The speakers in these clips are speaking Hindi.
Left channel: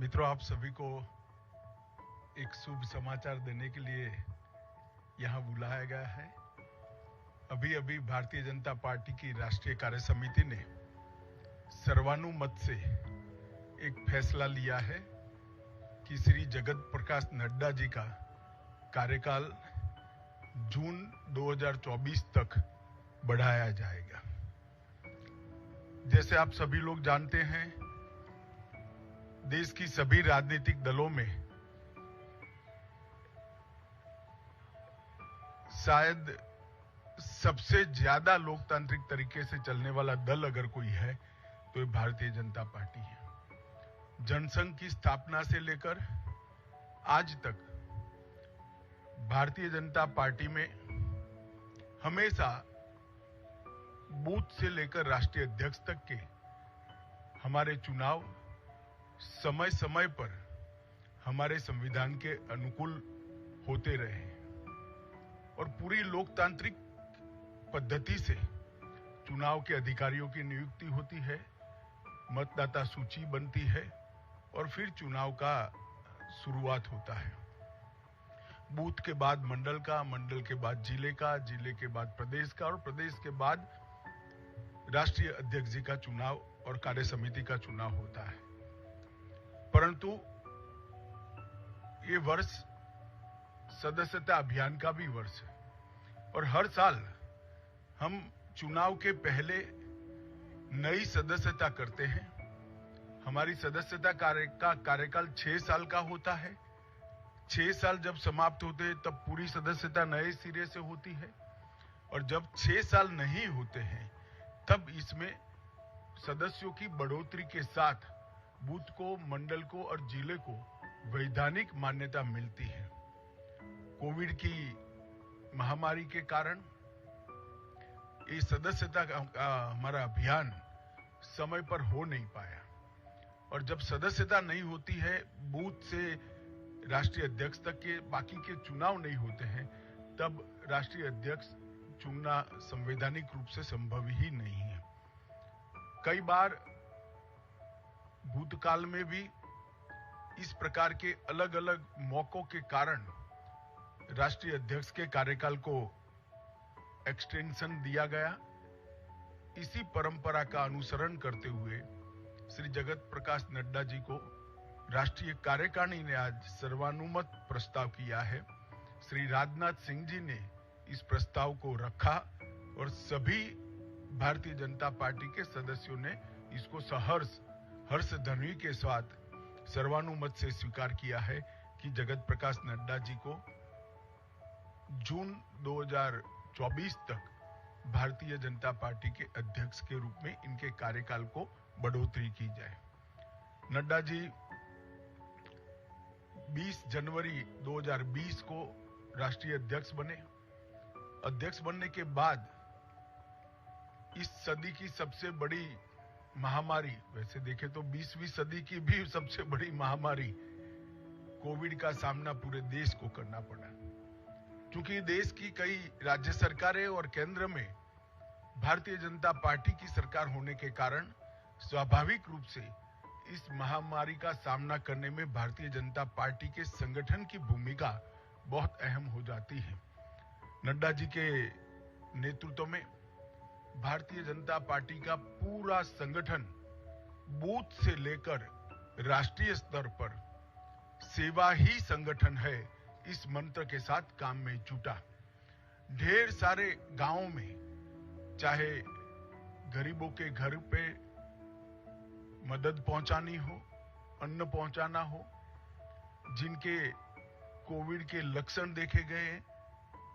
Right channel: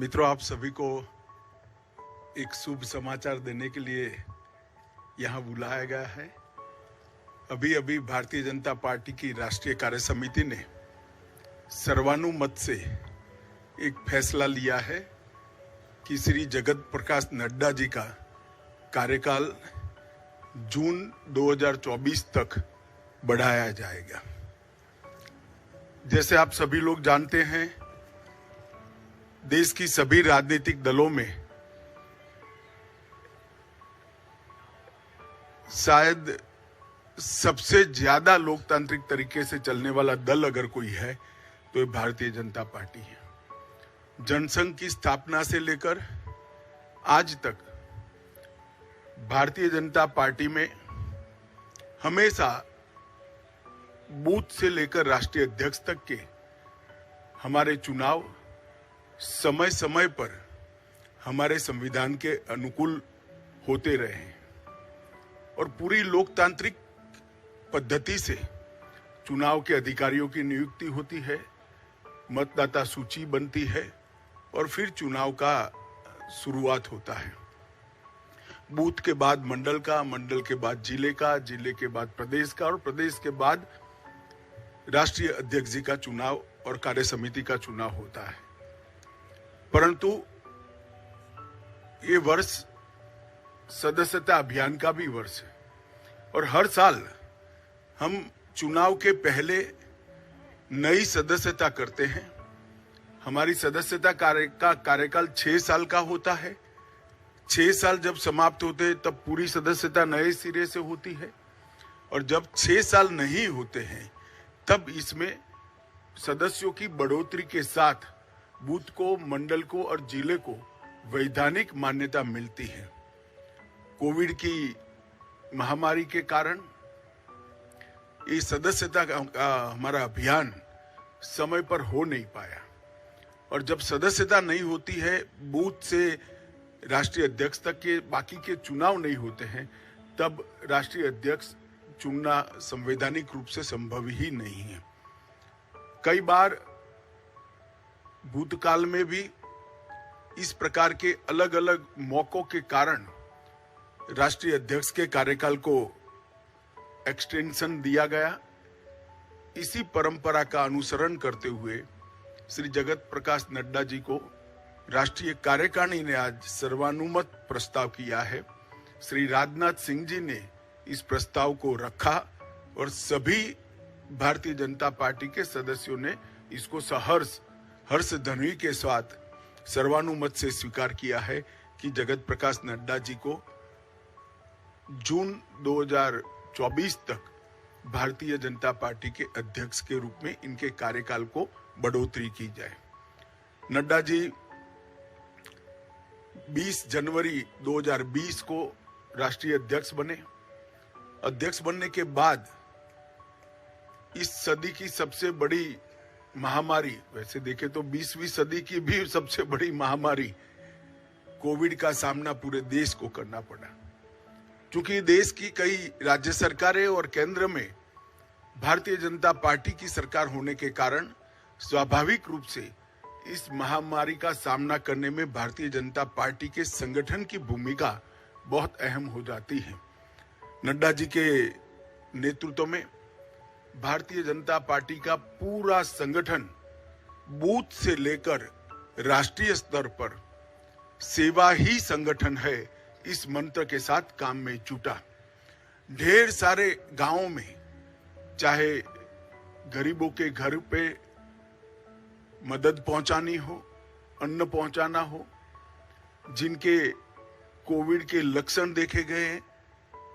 मित्रों, आप सभी को एक शुभ समाचार देने के लिए यहाँ बुलाया गया है। अभी अभी भारतीय जनता पार्टी की राष्ट्रीय कार्य समिति ने सर्वानुमत से एक फैसला लिया है कि श्री जगत प्रकाश नड्डा जी का कार्यकाल जून 2024 तक बढ़ाया जाएगा। जैसे आप सभी लोग जानते हैं, देश की सभी राजनीतिक दलों में शायद सबसे ज्यादा लोकतांत्रिक तरीके से चलने वाला दल अगर कोई है तो ये भारतीय जनता पार्टी है। जनसंघ की स्थापना से लेकर आज तक भारतीय जनता पार्टी में हमेशा बूथ से लेकर राष्ट्रीय अध्यक्ष तक के हमारे चुनाव समय समय पर हमारे संविधान के अनुकूल होते रहे हैं और पूरी लोकतांत्रिक पद्धति से चुनाव के अधिकारियों की नियुक्ति होती है, मतदाता सूची बनती है और फिर चुनाव का शुरुआत होता है। बूथ के बाद मंडल का, मंडल के बाद जिले का, जिले के बाद प्रदेश का और प्रदेश के बाद राष्ट्रीय अध्यक्ष जी का चुनाव और कार्य समिति का चुनाव होता है। परंतु ये वर्ष सदस्यता अभियान का भी वर्ष है और हर साल हम चुनाव के पहले नई सदस्यता करते हैं। हमारी सदस्यता कार्यकाल 6 साल का होता है। 6 साल जब समाप्त होते हैं तब पूरी सदस्यता नए सिरे से होती है और जब 6 साल नहीं होते हैं तब इसमें सदस्यों की बढ़ोतरी के साथ बूथ को, मंडल को और जिले को वैधानिक मान्यता मिलती है। कोविड की महामारी के कारण इस सदस्यता का हमारा अभियान समय पर हो नहीं पाया और जब सदस्यता नहीं होती है, बूथ से राष्ट्रीय अध्यक्ष तक के बाकी के चुनाव नहीं होते हैं, तब राष्ट्रीय अध्यक्ष चुनना संवैधानिक रूप से संभव ही नहीं है। कई बार भूतकाल में भी इस प्रकार के अलग अलग मौकों के कारण राष्ट्रीय अध्यक्ष के कार्यकाल को एक्सटेंशन दिया गया। इसी परंपरा का अनुसरण करते हुए श्री जगत प्रकाश नड्डा जी को राष्ट्रीय कार्यकारिणी ने आज सर्वानुमत प्रस्ताव किया है। श्री राजनाथ सिंह जी ने इस प्रस्ताव को रखा और सभी भारतीय जनता पार्टी के सदस्यों ने इसको सहर्ष हर्ष ध्वनि के साथ सर्वानुमत से स्वीकार किया है कि जगत प्रकाश नड्डा जी को जून 2024 तक भारतीय जनता पार्टी के अध्यक्ष के रूप में इनके कार्यकाल को बढ़ोतरी की जाए। नड्डा जी 20 जनवरी 2020 को राष्ट्रीय अध्यक्ष बने। अध्यक्ष बनने के बाद इस सदी की सबसे बड़ी महामारी, वैसे देखे तो 20वीं सदी की भी सबसे बड़ी महामारी कोविड का सामना पूरे देश को करना पड़ा। क्योंकि देश की कई राज्य सरकारें और केंद्र में भारतीय जनता पार्टी की सरकार होने के कारण स्वाभाविक रूप से इस महामारी का सामना करने में भारतीय जनता पार्टी के संगठन की भूमिका बहुत अहम हो जाती है। नड्डा जी के नेतृत्व में भारतीय जनता पार्टी का पूरा संगठन बूथ से लेकर राष्ट्रीय स्तर पर सेवा ही संगठन है, इस मंत्र के साथ काम में जुटा। ढेर सारे गांवों में चाहे गरीबों के घर पे मदद पहुंचानी हो, अन्न पहुंचाना हो, जिनके कोविड के लक्षण देखे गए हैं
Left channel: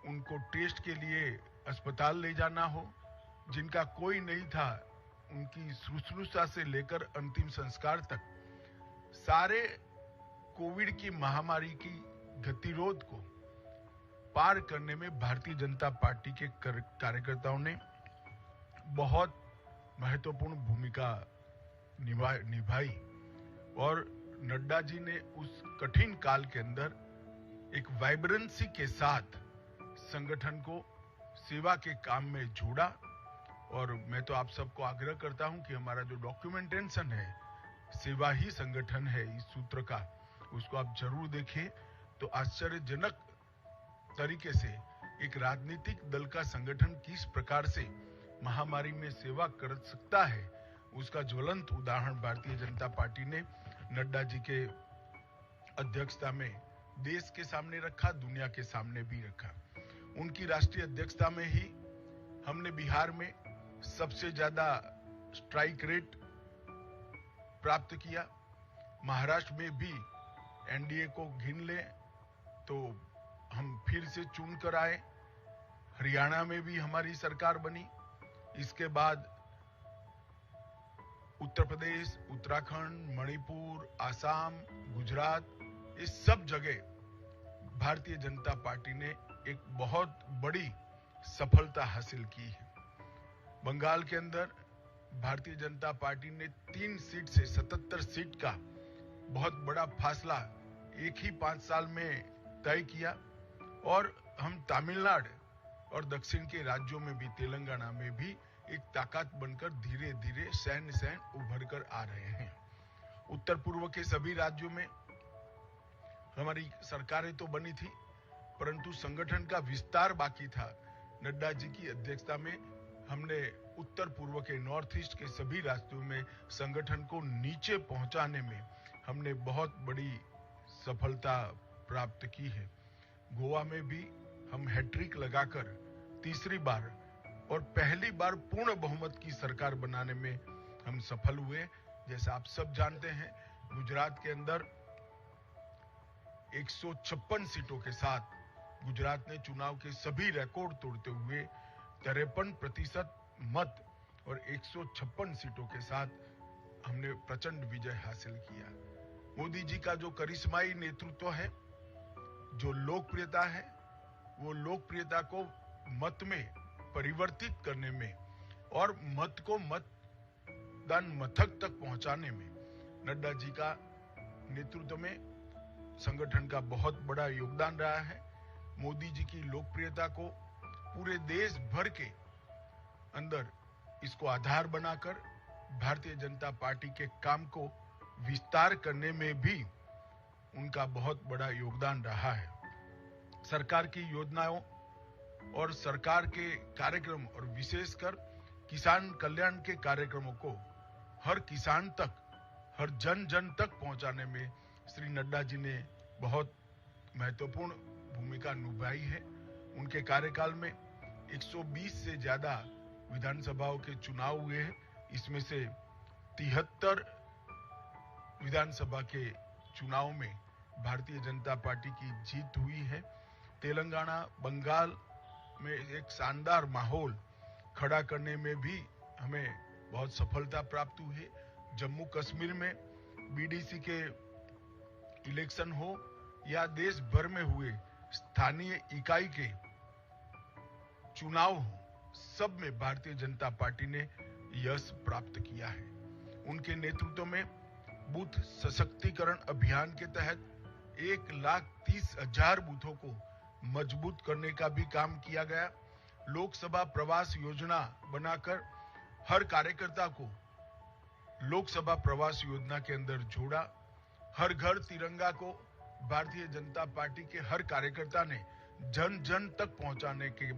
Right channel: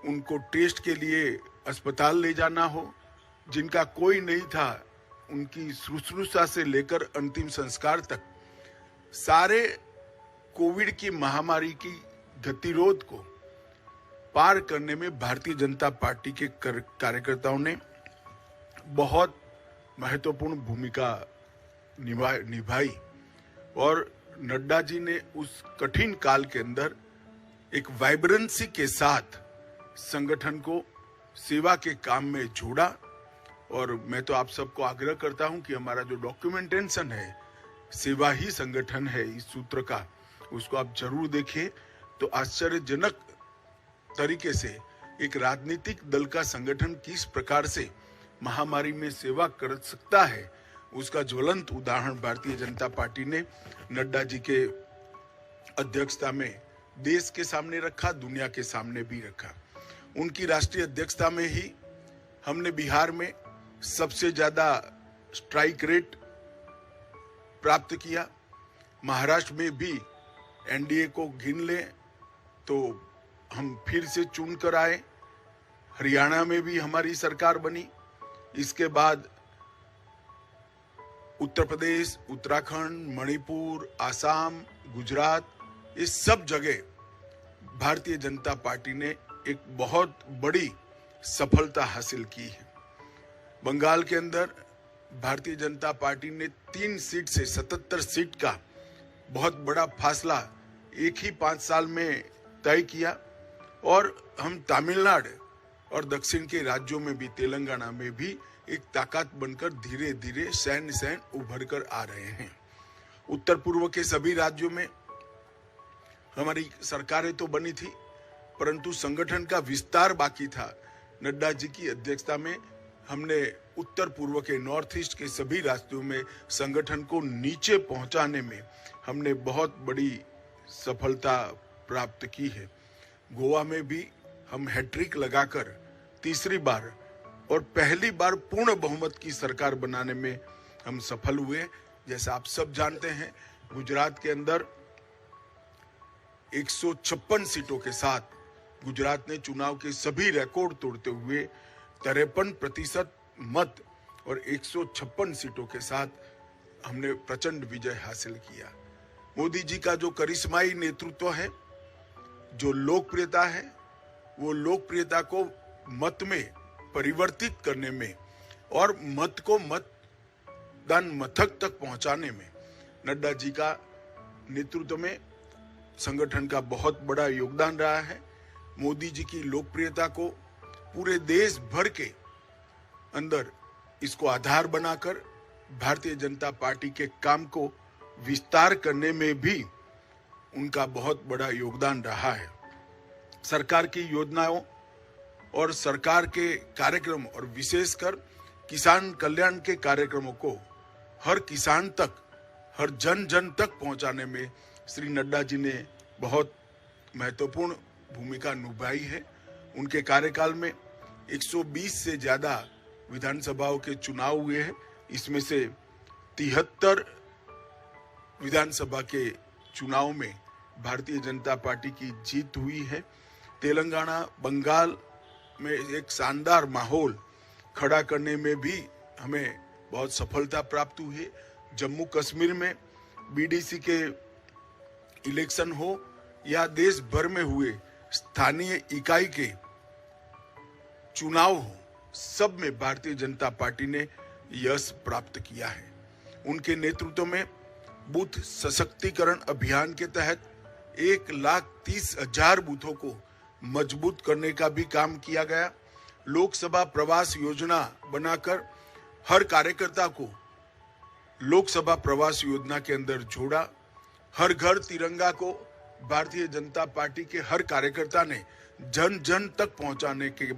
उनको टेस्ट के लिए अस्पताल ले जाना हो, जिनका कोई नहीं था उनकी शुश्रूषा से लेकर अंतिम संस्कार तक सारे कोविड की महामारी की गतिरोध को पार करने में भारतीय जनता पार्टी के कार्यकर्ताओं ने बहुत महत्वपूर्ण भूमिका निभाई और नड्डा जी ने उस कठिन काल के अंदर एक वाइब्रेंसी के साथ संगठन को सेवा के काम में जोड़ा। और मैं तो आप सबको आग्रह करता हूं कि हमारा जो डॉक्यूमेंटेशन है सेवा ही संगठन है इस सूत्र का, उसको आप जरूर देखिए। तो आश्चर्यजनक तरीके से एक राजनीतिक दल का संगठन किस प्रकार से महामारी में सेवा कर सकता है, उसका ज्वलंत उदाहरण भारतीय जनता पार्टी ने नड्डा जी के अध्यक्षता में देश के सामने रखा, दुनिया के सामने भी रखा। उनकी राष्ट्रीय अध्यक्षता में ही हमने बिहार में सबसे ज्यादा स्ट्राइक रेट प्राप्त किया। महाराष्ट्र में भी एनडीए को गिन ले तो हम फिर से चुन कर आए। हरियाणा में भी हमारी सरकार बनी। इसके बाद उत्तर प्रदेश, उत्तराखंड, मणिपुर, आसाम, गुजरात, इस सब जगह भारतीय जनता पार्टी ने एक बहुत बड़ी सफलता हासिल की है। बंगाल के अंदर भारतीय जनता पार्टी ने 3 सीट से 77 सीट का बहुत बड़ा फासला एक ही 5 साल में तय किया। और हम तमिलनाडु और दक्षिण के राज्यों में भी, तेलंगाना में भी एक ताकत बनकर धीरे धीरे सैन उभर कर आ रहे हैं। उत्तर पूर्व के सभी राज्यों में हमारी सरकारें तो बनी थी, परंतु संगठन का विस्तार बाकी था। नड्डा जी की अध्यक्षता में हमने उत्तर पूर्व के नॉर्थ ईस्ट के सभी राज्यों में संगठन को नीचे पहुंचाने में हमने बहुत बड़ी सफलता प्राप्त की है। गोवा में भी हम हैट्रिक लगाकर तीसरी बार और पहली बार पूर्ण बहुमत की सरकार बनाने में हम सफल हुए। जैसा आप सब जानते हैं, गुजरात के अंदर 156 सीटों के साथ गुजरात ने चुनाव के सभी रिकॉर्ड तोड़ते हुए 53% मत और 156 सीटों के साथ हमने प्रचंड विजय हासिल किया। मोदी जी का जो करिश्माई नेतृत्व है, जो लोकप्रियता है, वो लोकप्रियता को मत में परिवर्तित करने में और मत को मतदान मथक तक पहुंचाने में नड्डा जी का नेतृत्व में संगठन का बहुत बड़ा योगदान रहा है। मोदी जी की लोकप्रियता को पूरे देश भर के अंदर इसको आधार बनाकर भारतीय जनता पार्टी के काम को विस्तार करने में भी उनका बहुत बड़ा योगदान रहा है। सरकार की योजनाओं और सरकार के कार्यक्रम और विशेषकर किसान कल्याण के कार्यक्रमों को हर किसान तक, हर जन जन तक पहुंचाने में श्री नड्डा जी ने बहुत महत्वपूर्ण भूमिका निभाई है। उनके कार्यकाल में 120 से ज्यादा विधानसभाओं के चुनाव हुए हैं। इसमें से 73 विधानसभा के चुनाव में भारतीय जनता पार्टी की जीत हुई है। तेलंगाना, बंगाल में एक शानदार माहौल खड़ा करने में भी हमें बहुत सफलता प्राप्त हुई है। जम्मू कश्मीर में बीडीसी के इलेक्शन हो या देश भर में हुए स्थानीय इकाई के चुनाव हो, सब में भारतीय जनता पार्टी ने यश प्राप्त किया है। उनके नेतृत्व में बूथ सशक्तिकरण अभियान के तहत 1,30,000 बूथों को मजबूत करने का भी काम किया गया। लोकसभा प्रवास योजना बनाकर हर कार्यकर्ता को लोकसभा प्रवास योजना के अंदर जोड़ा। हर घर तिरंगा को भारतीय जनता पार्टी के हर कार्यकर्ता ने जन जन तक पहुंचाने के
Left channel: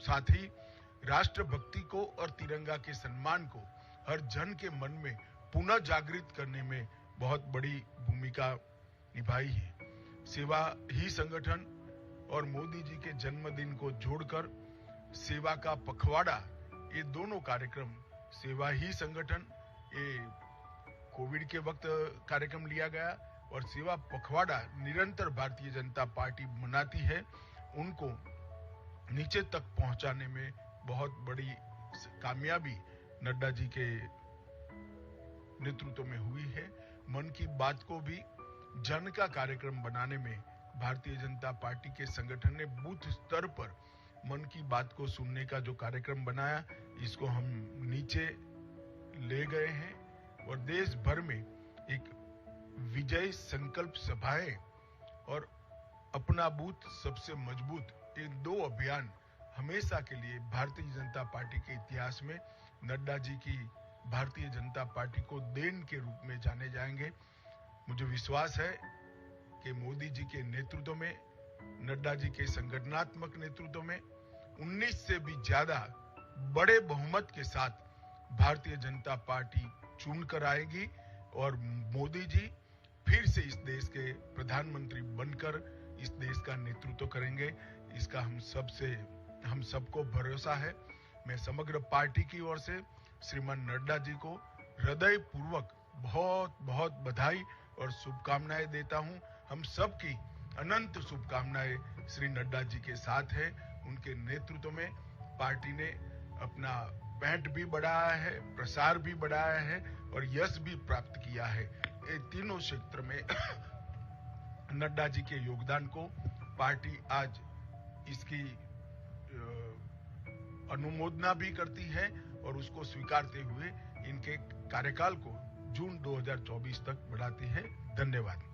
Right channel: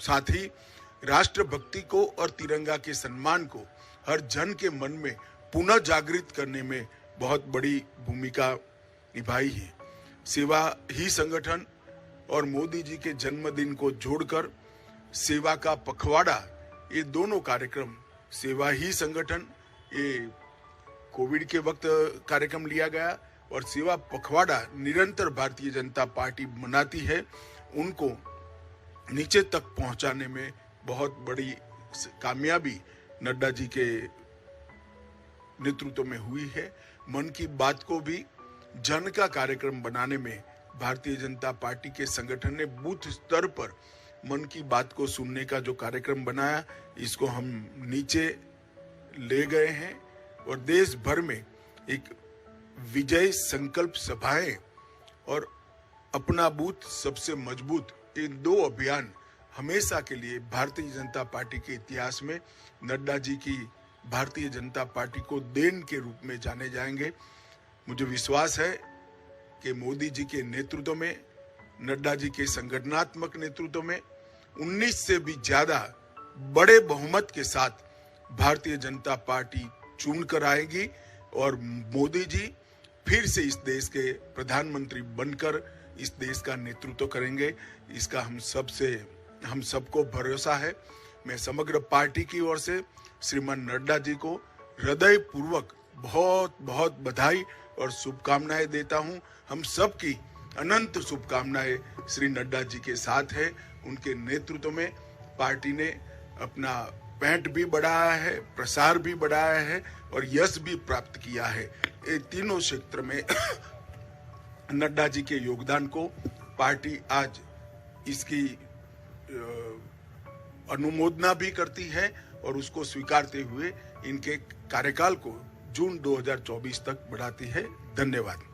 साथ ही राष्ट्रभक्ति को और तिरंगा के सम्मान को हर जन के मन में पुनः जागृत करने में बहुत बड़ी भूमिका निभाई है। सेवा ही संगठन और मोदी जी के जन्मदिन को जोड़कर सेवा का पखवाड़ा, ये दोनों कार्यक्रम, सेवा ही संगठन, ये कोविड के वक्त कार्यक्रम लिया गया और सेवा पखवाड़ा निरंतर भारतीय जनता पार्टी मनाती है, उनको नीचे तक पहुंचाने में बहुत बड़ी कामयाबी नड्डा जी के नेतृत्व में हुई है। मन की बात को भी जन का कार्यक्रम बनाने में भारतीय जनता पार्टी के संगठन ने बूथ स्तर पर मन की बात को सुनने का जो कार्यक्रम बनाया, इसको हम नीचे ले गए हैं और देश भर में एक विजय संकल्प सभाएं और अपना बूथ सबसे मजबूत, ये 2 अभियान हमेशा के लिए भारतीय जनता पार्टी के इतिहास में नड्डा जी की भारतीय जनता पार्टी को देन के रूप में जाने जाएंगे। मुझे विश्वास है कि मोदी जी के नेतृत्व में, नड्डा जी के संगठनात्मक नेतृत्व में 19 से भी ज्यादा बड़े बहुमत के साथ भारतीय जनता पार्टी चुन कर आएगी और मोदी जी फिर से इस देश के प्रधानमंत्री बनकर इस देश का नेतृत्व करेंगे। इसका हम सबको भरोसा है। मैं समग्र पार्टी की ओर से श्रीमान नड्डा जी को हृदय पूर्वक बहुत बहुत बधाई और शुभकामनाएं देता हूं। हम सबकी अनंत शुभकामनाएं श्री नड्डा जी के साथ है। उनके नेतृत्व में पार्टी ने अपना पैंट भी बढ़ाया है, प्रसार भी बढ़ाया है और यश भी प्राप्त किया है। ये तीनों क्षेत्र में नड्डा जी के योगदान को पार्टी आज इसकी अनुमोदना भी करती है और उसको स्वीकारते हुए इनके कार्यकाल को जून 2024 तक बढ़ाती है। धन्यवाद।